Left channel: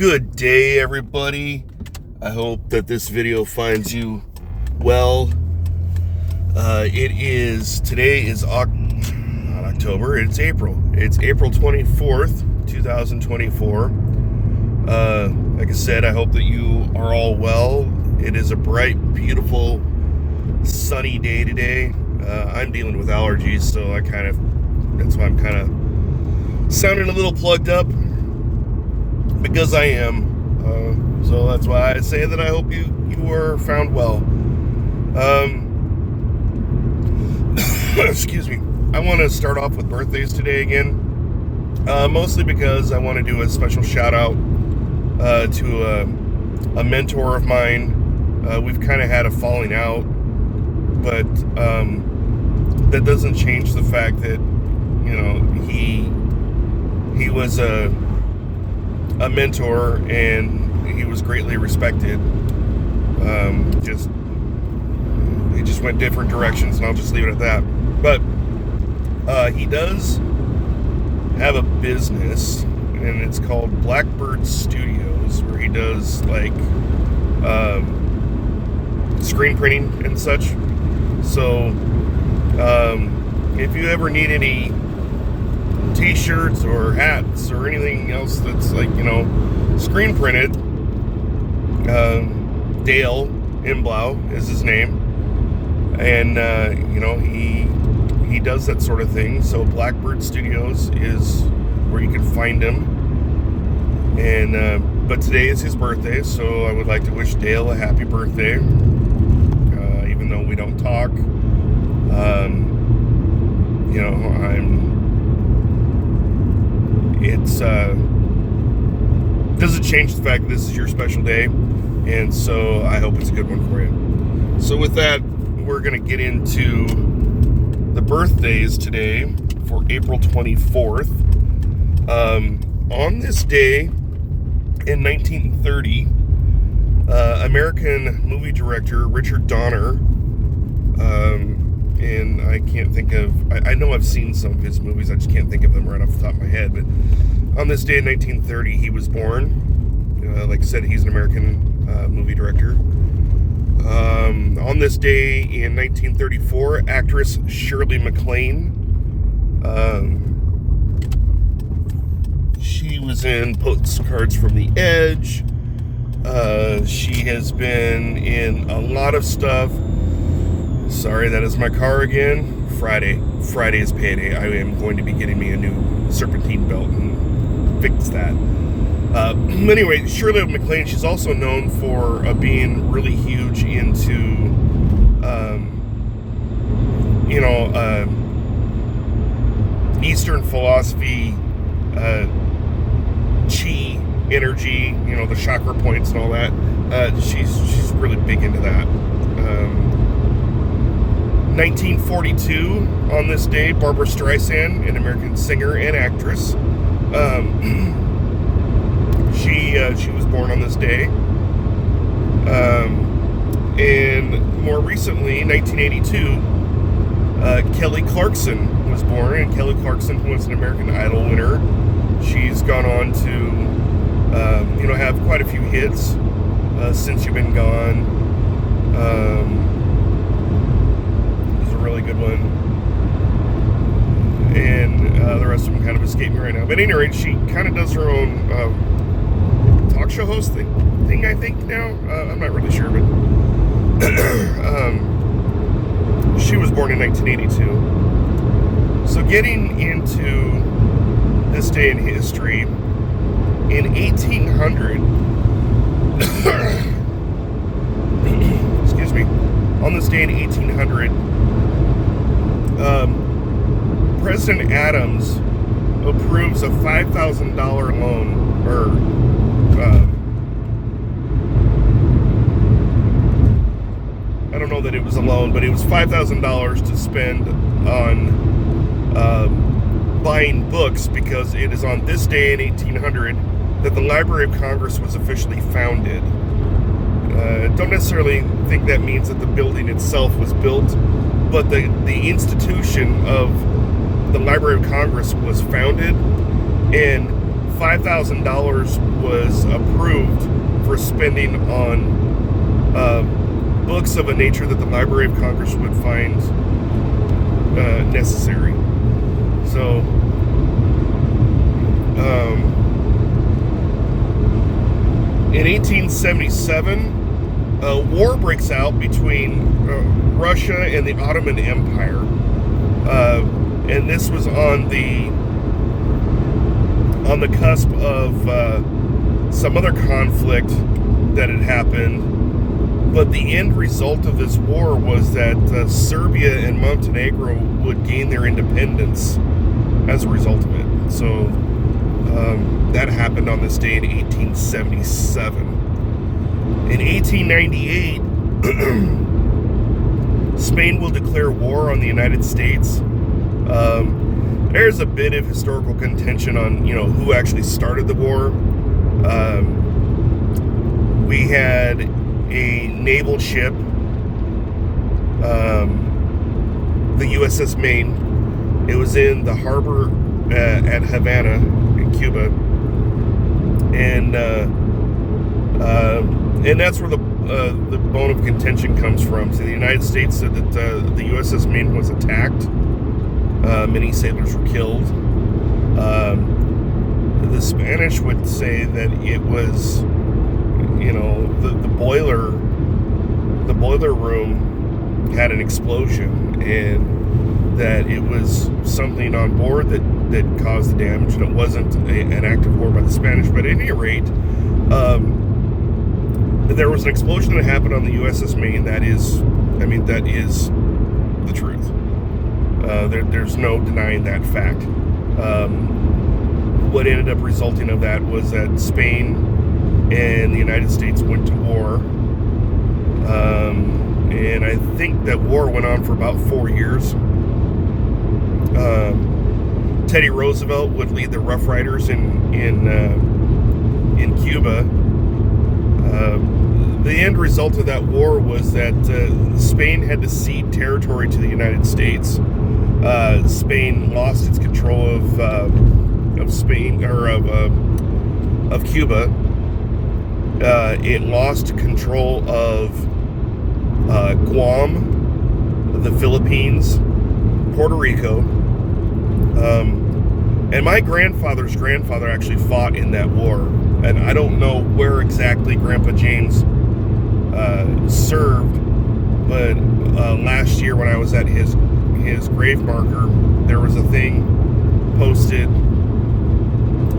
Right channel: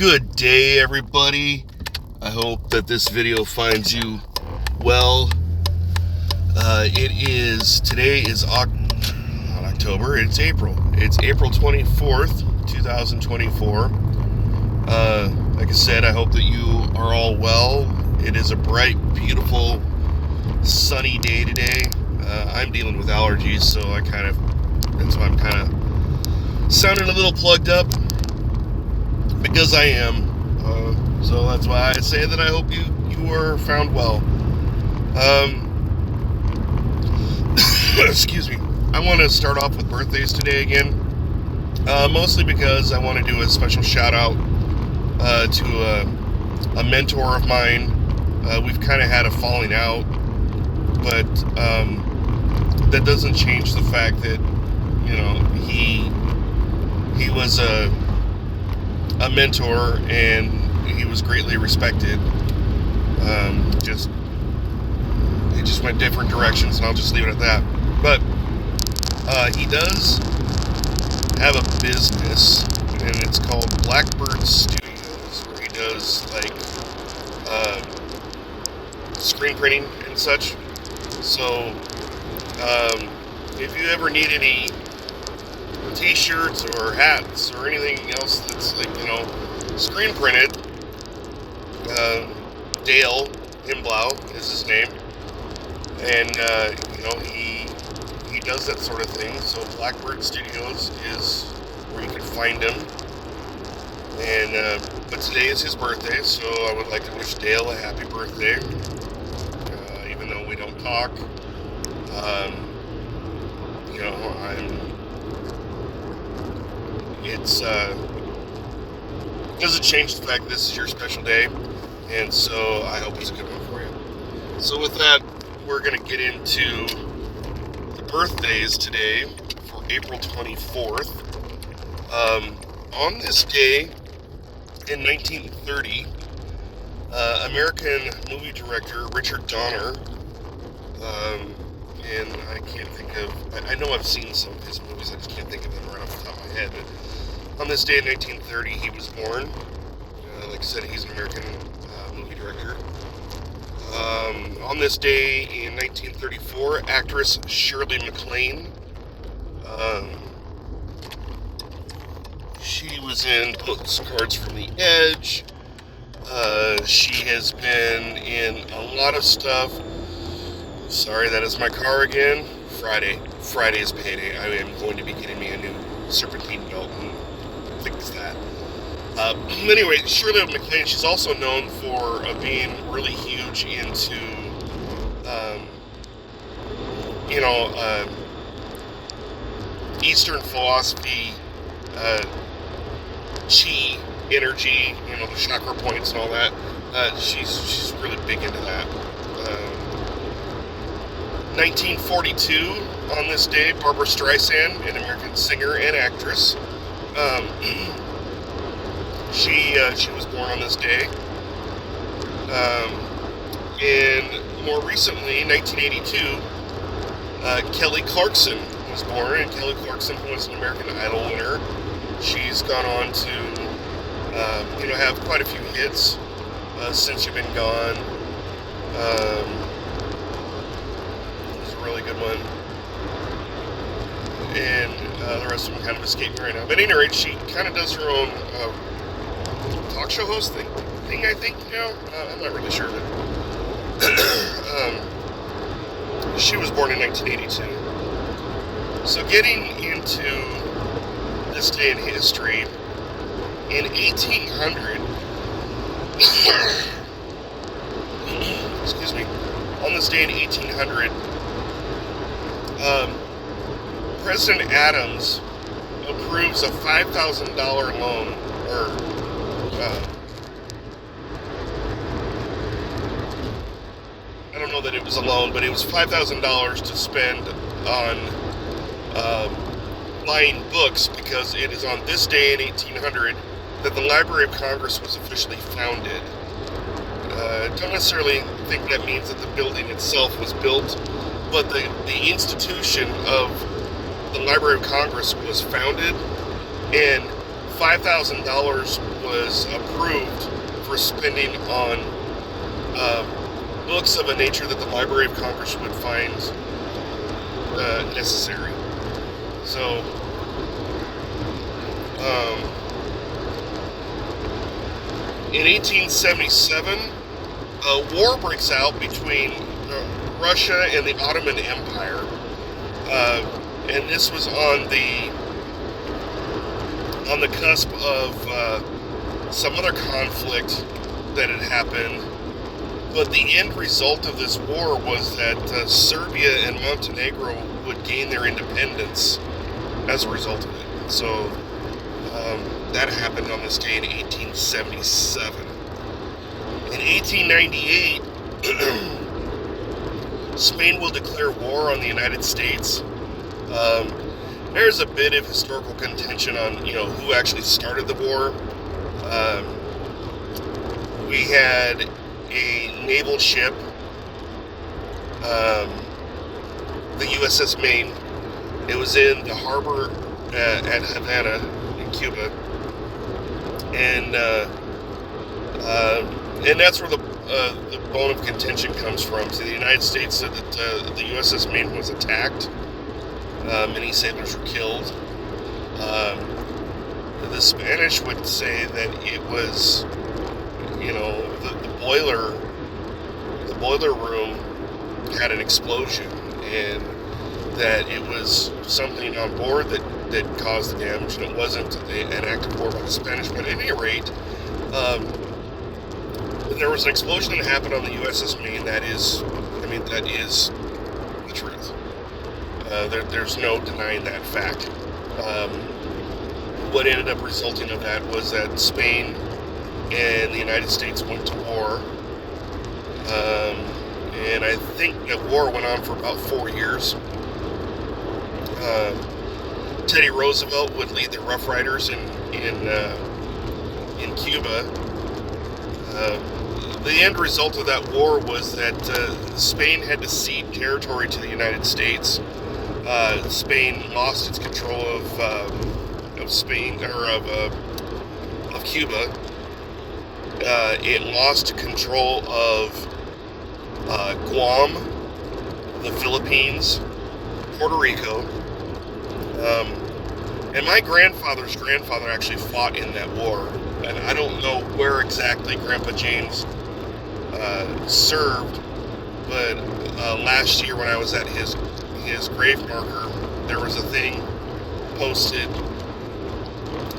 Good day, everybody. I hope that this video finds you well. Today is not October, it's April. It's April 24th, 2024. Like I said, I hope that you are all well. It is a bright, beautiful, sunny day today. I'm dealing with allergies, so that's why I'm kind of sounding a little plugged up. Because I am. So that's why I say that I hope you are found well. Excuse me. I want to start off with birthdays today again. Mostly because I want to do a special shout out to a mentor of mine. We've kind of had a falling out, but that doesn't change the fact that, he was a mentor and he was greatly respected. He just went different directions, and I'll just leave it at that. But he does have a business, and it's called Blackbird Studios, where he does screen printing and such. So if you ever need any t-shirts or hats or anything else that's screen printed, Dale Imblau is his name, and he does that sort of thing. So Blackbird Studios is where you can find him, and but today is his birthday, so I would like to wish Dale a happy birthday, even though we don't talk. Doesn't change the fact that this is your special day, and so I hope it's a good one for you. So with that, we're going to get into the birthdays today for April 24th. On this day in 1930, American movie director Richard Donner, and I can't think of, I know I've seen some of his movies, I just can't think of them right off the top of my head, but on this day in 1930, he was born. Like I said, he's an American movie director. On this day in 1934, actress Shirley MacLaine. She was in Postcards from the Edge. She has been in a lot of stuff. Sorry, that is my car again. Friday is payday. I am going to be getting me a new serpentine belt and fix that. Anyway, Shirley MacLaine, she's also known for being really huge into, Eastern philosophy, chi, energy, the chakra points and all that. She's really big into that. 1942, on this day, Barbra Streisand, an American singer and actress. She was born on this day. And more recently, 1982, Kelly Clarkson was born, and Kelly Clarkson was an American Idol winner. She's gone on to, have quite a few hits since you've been gone. It was a really good one. And the rest of them kind of escape me right now. But at any rate, she kind of does her own talk show host thing, I think, now. I'm not really sure, but she was born in 1982. So getting into this day in history, in 1800, excuse me, on this day in 1800, President Adams approves a $5,000 loan, or I don't know that it was a loan, but it was $5,000 to spend on buying books, because it is on this day in 1800 that the Library of Congress was officially founded. Don't necessarily think that means that the building itself was built, but the institution of the Library of Congress was founded, and $5,000 was approved for spending on books of a nature that the Library of Congress would find necessary. So, in 1877, a war breaks out between Russia and the Ottoman Empire, and this was on the cusp of some other conflict that had happened. But the end result of this war was that Serbia and Montenegro would gain their independence as a result of it. So that happened on this day in 1877. In 1898, Spain will declare war on the United States. There's a bit of historical contention on, who actually started the war. We had a naval ship, the USS Maine. It was in the harbor at Havana in Cuba, and that's where the bone of contention comes from. So the United States said that the USS Maine was attacked. Many sailors were killed. The Spanish would say that it was, the boiler room had an explosion, and that it was something on board that caused the damage, and it wasn't an act of war by the Spanish. But at any rate, there was an explosion that happened on the USS Maine. That is the truth. There's no denying that fact. What ended up resulting of that was that Spain and the United States went to war. And I think that war went on for about 4 years. Teddy Roosevelt would lead the Rough Riders in Cuba. The end result of that war was that Spain had to cede territory to the United States. Spain lost its control of Spain, or of Cuba. It lost control of Guam, the Philippines, Puerto Rico, and my grandfather's grandfather actually fought in that war. And I don't know where exactly Grandpa James served, but last year when I was at his grave marker, there was a thing posted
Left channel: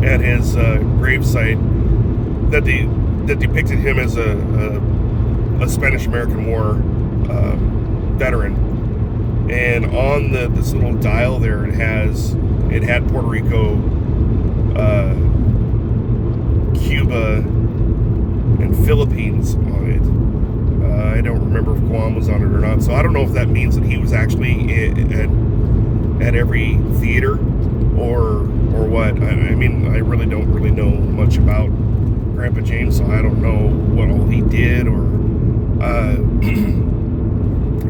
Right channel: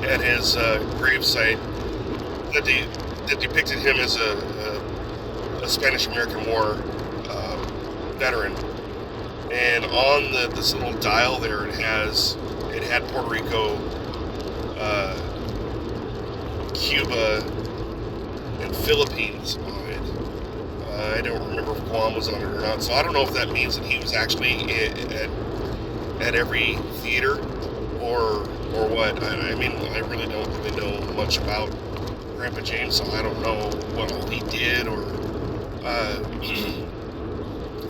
at his gravesite that depicted him as a Spanish-American War veteran. And on this little dial there, it had Puerto Rico, Cuba, and Philippines on it. I don't remember if Guam was on it or not, so I don't know if that means that he was actually at every theater or what. I mean, I really don't know much about Grandpa James, so I don't know what all he did, or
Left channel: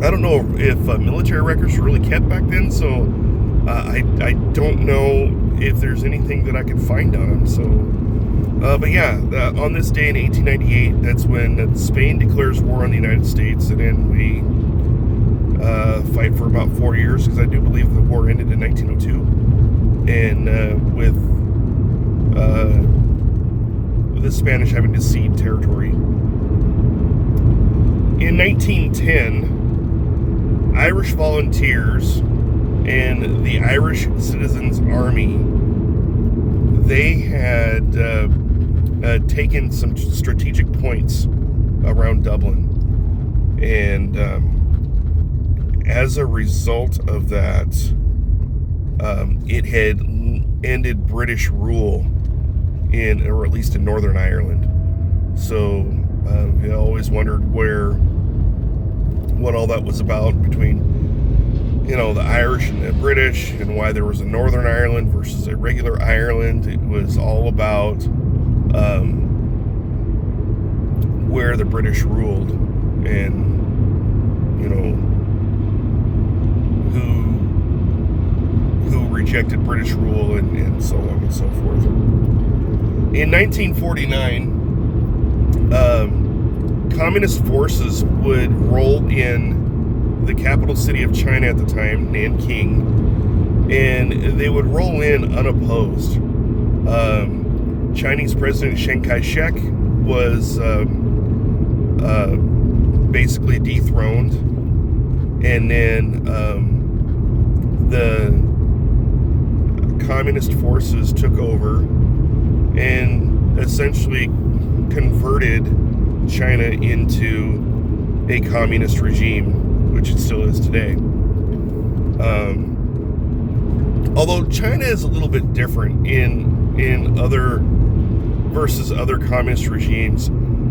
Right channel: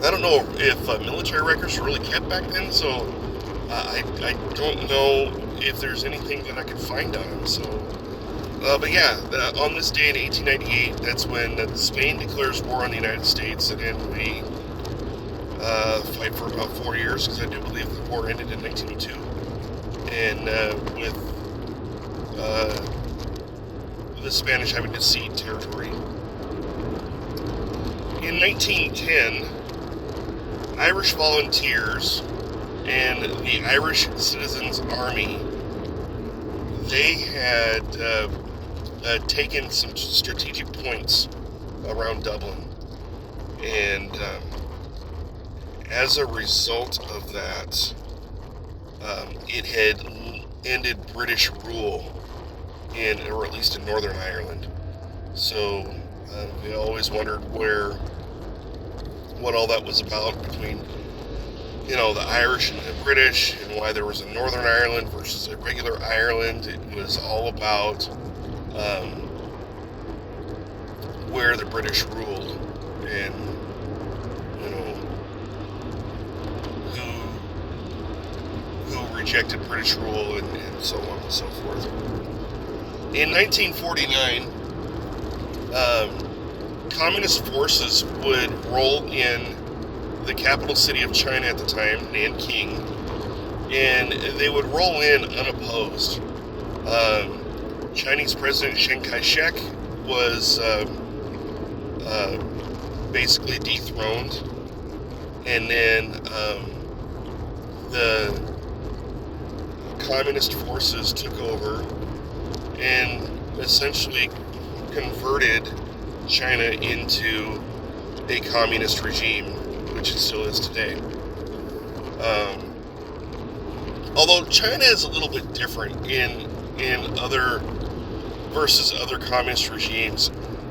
I don't know if military records were really kept back then, so I don't know if there's anything that I could find on him. So, but yeah, on this day in 1898, that's when Spain declares war on the United States, and then we fight for about 4 years, because I do believe the war ended in 1902, and with the Spanish having to cede territory. In 1910, Irish volunteers and the Irish Citizens Army, they had taken some strategic points around Dublin, and as a result of that, it had ended British rule or at least in Northern Ireland. So we always wondered what all that was about between, the Irish and the British, and why there was a Northern Ireland versus a regular Ireland. It was all about where the British ruled, and who rejected British rule, and so on and so forth. In 1949, communist forces would roll in the capital city of China at the time, Nanking, and they would roll in unopposed. Chinese President Chiang Kai-shek was basically dethroned, and then the communist forces took over and essentially converted China into a communist regime, which it still is today. Although China is a little bit different in other versus other communist regimes,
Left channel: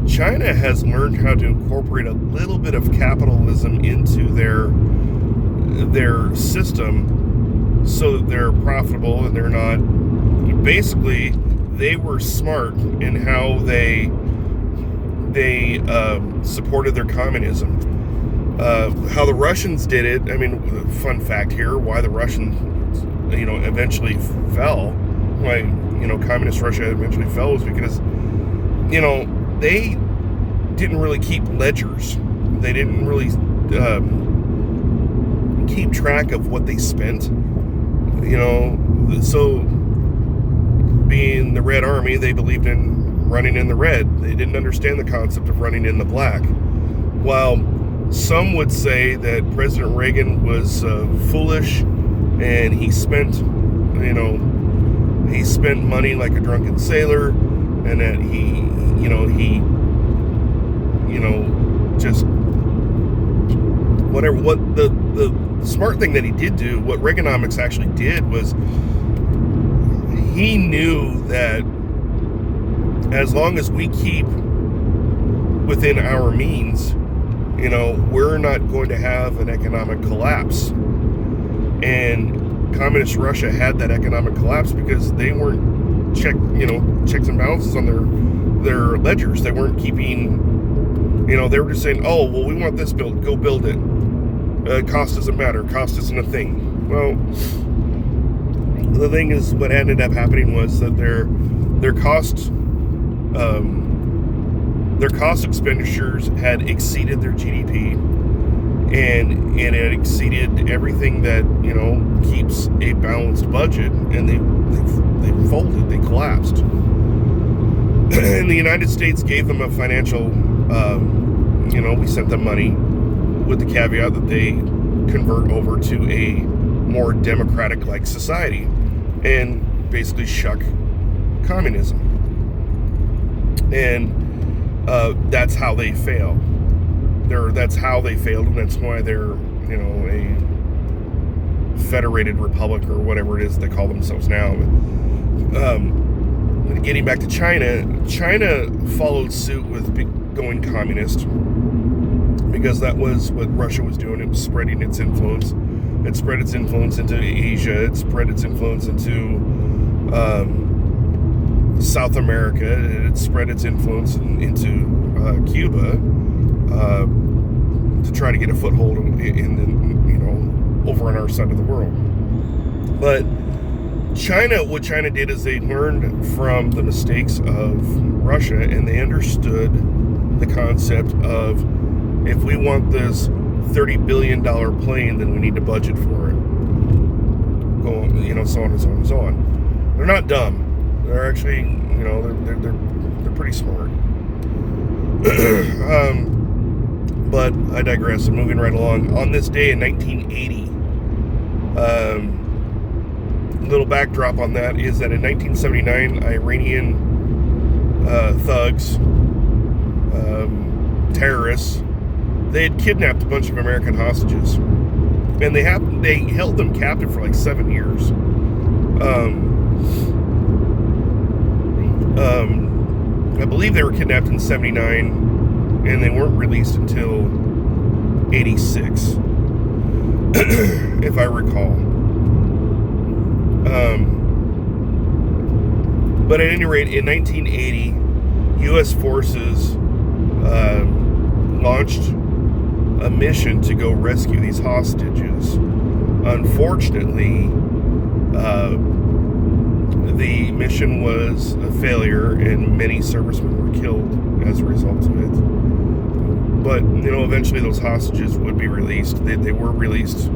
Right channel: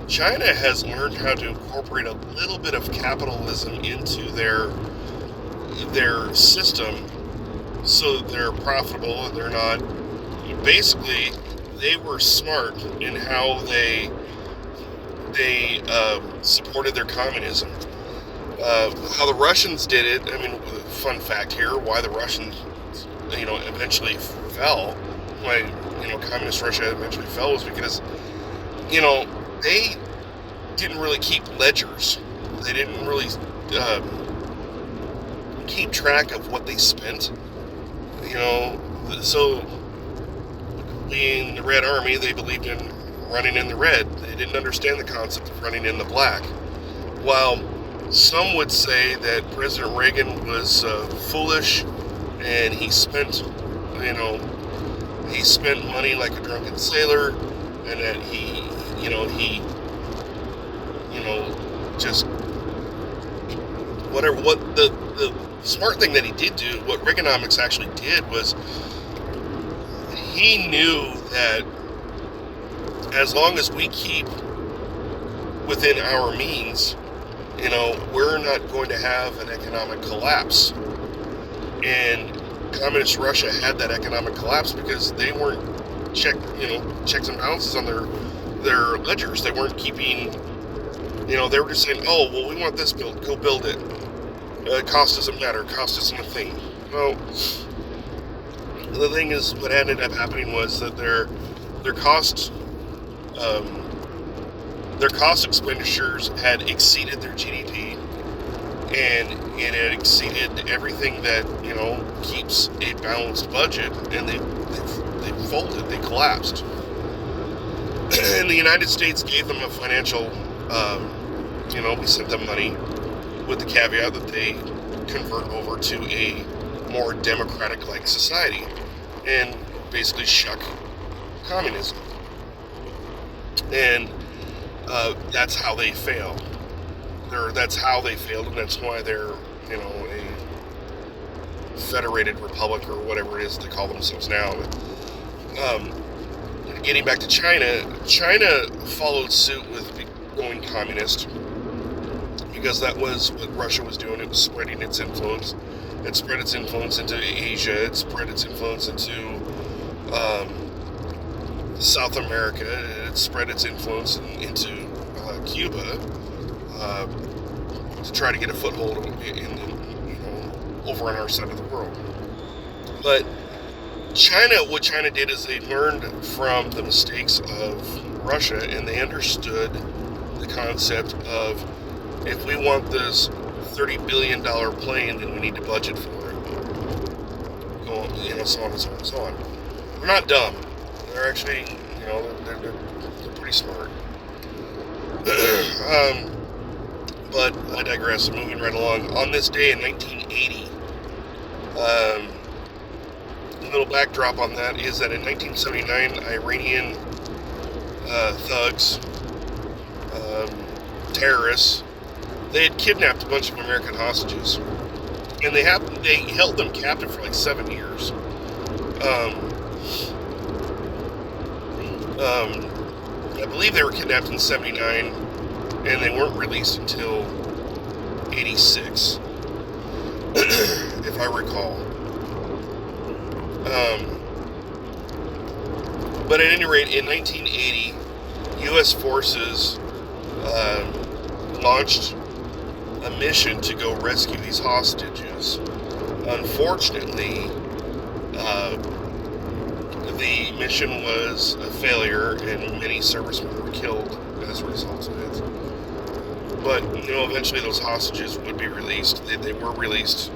China has learned how to incorporate a little bit of capitalism into their system so that they're profitable and they're not. Basically, they were smart in how they supported their communism. How the Russians did it, I mean, fun fact here, why the Russians, eventually fell, why, communist Russia eventually fell was because, they didn't really keep ledgers. They didn't really keep track of what they spent. So being the Red Army, they believed in running in the red. They didn't understand the concept of running in the black. While some would say that President Reagan was foolish and he spent money like a drunken sailor, and that he just whatever. What the smart thing that he did do, what Reaganomics actually did, was he knew that as long as we keep within our means, we're not going to have an economic collapse. And communist Russia had that economic collapse because they weren't checks and balances on their ledgers. They weren't keeping, they were just saying, oh, well, we want this built, go build it. Cost doesn't matter. Cost isn't a thing. Well, the thing is, what ended up happening was that their cost expenditures had exceeded their GDP, and it had exceeded everything that keeps a balanced budget, and they folded, they collapsed. And the United States gave them a financial, we sent them money with the caveat that they convert over to a more democratic-like society and basically shuck communism. And that's how they fail. That's how they failed, and that's why they're, a federated republic or whatever it is they call themselves now. Getting back to China followed suit with going communist because that was what Russia was doing. It was spreading its influence. It spread its influence into Asia. It spread its influence into South America. It spread its influence into Cuba to try to get a foothold over on our side of the world. But what China did is they learned from the mistakes of Russia, and they understood the concept of, if we want this $30 billion plane, then we need to budget for it. So on and so on and so on. They're not dumb. They're actually, they're pretty smart. But I digress. I'm moving right along. On this day in 1980, a little backdrop on that is that in 1979, Iranian thugs, terrorists, they had kidnapped a bunch of American hostages, and they held them captive for like 7 years. I believe they were kidnapped in 79, and they weren't released until 86, if I recall. But at any rate, in 1980, U.S. forces launched a mission to go rescue these hostages. Unfortunately, the mission was a failure and many servicemen were killed as a result of it. But, eventually those hostages would be released. They were released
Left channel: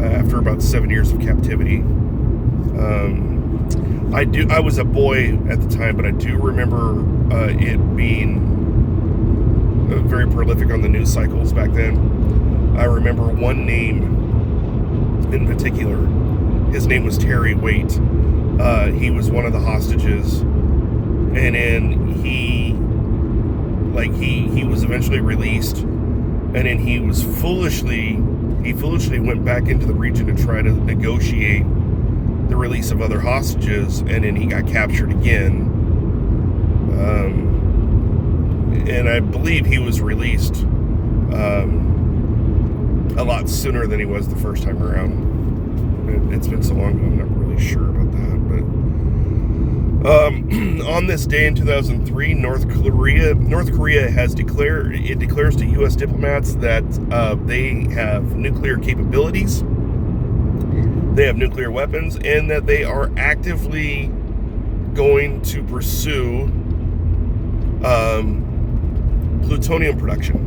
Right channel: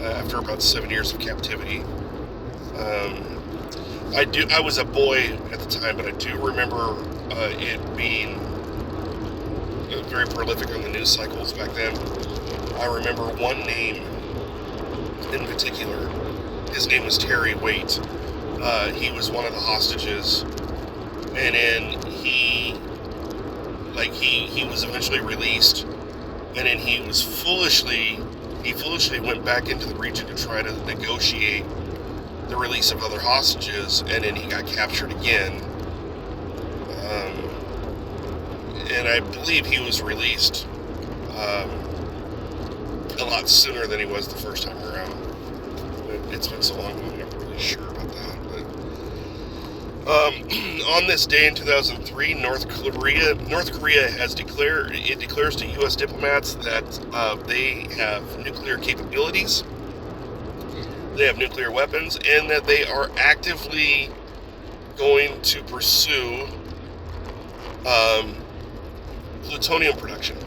after about 7 years of captivity. I was a boy at the time, but I do remember it being very prolific on the news cycles back then. I remember one name in particular. His name was Terry Waite. He was one of the hostages, and then he was eventually released, and then he foolishly went back into the region to try to negotiate the release of other hostages, and then he got captured again. And I believe he was released a lot sooner than he was the first time around. It's been so long, I'm not really sure about that. But on this day in 2003, North Korea declares to U.S. diplomats that they have nuclear capabilities, they have nuclear weapons, and that they are actively going to pursue plutonium production,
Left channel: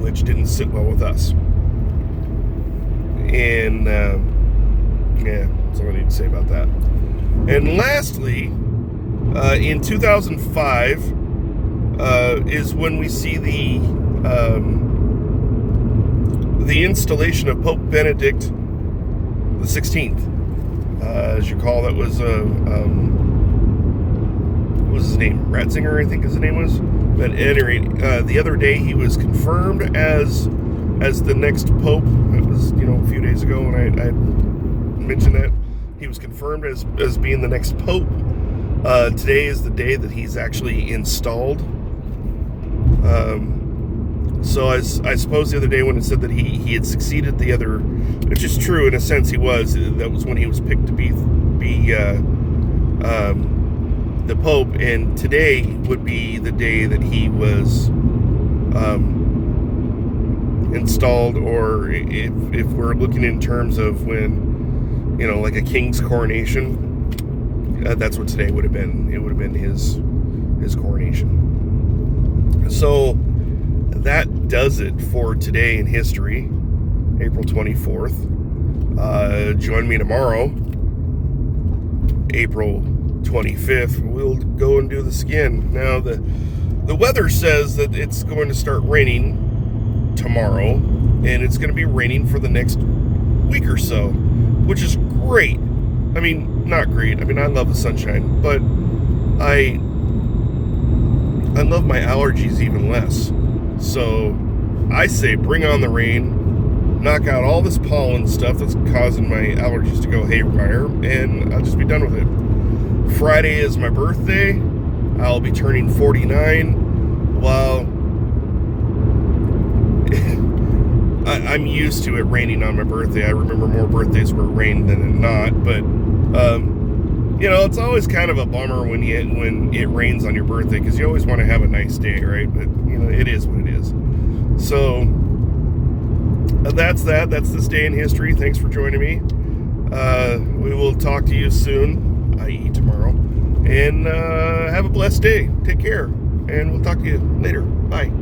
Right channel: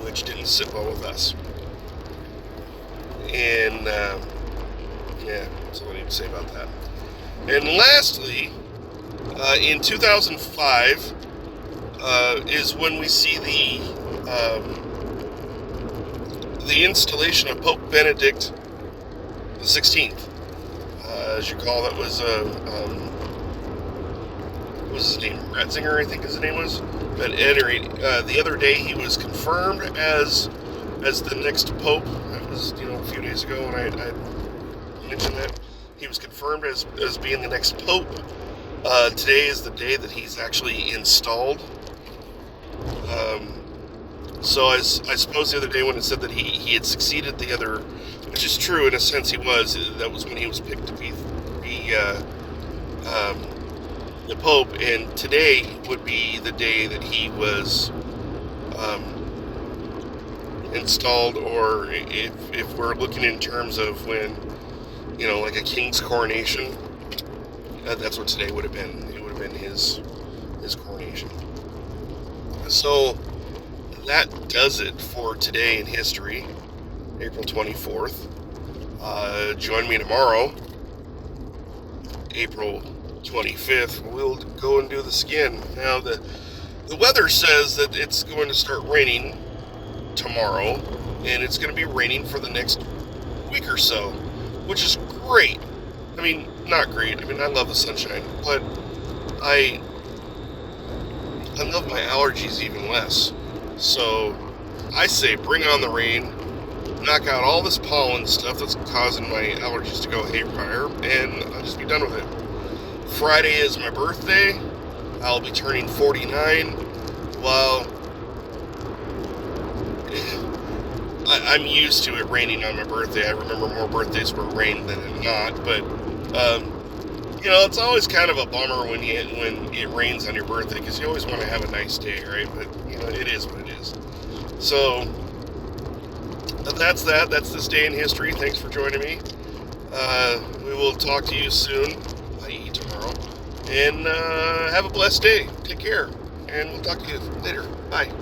which didn't sit well with us. And that's all I need to say about that. And lastly, in 2005 is when we see the installation of Pope Benedict the 16th. As you recall, that was what was his name? Ratzinger, I think his name was. But at any rate, the other day he was confirmed as the next pope. It was, a few days ago when I mentioned that. He was confirmed as being the next pope. Today is the day that he's actually installed. So I suppose the other day when it said that he had succeeded the other, which is true in a sense, he was. That was when he was picked to be the Pope, and today would be the day that he was installed, or if we're looking in terms of when, like a king's coronation, that's what today would have been. It would have been his coronation. So that does it for today in history, April 24th. Join me tomorrow, April 25th. We'll go and do this again. Now, the weather says that it's going to start raining tomorrow, and it's going to be raining for the next week or so, which is great. I mean, not great. I mean, I love the sunshine, but I love my allergies even less. So I say bring on the rain, knock out all this pollen stuff that's causing my allergies to go haywire, and I'll just be done with it. Friday is my birthday. I'll be turning 49. Well, I'm used to it raining on my birthday. I remember more birthdays where it rained than it not, but it's always kind of a bummer when it rains on your birthday, because you always want to have a nice day, right? But it is what it is. So that's that. That's this day in history. Thanks for joining me. We will talk to you soon, i.e. tomorrow, and have a blessed day. Take care, and we'll talk to you later. Bye.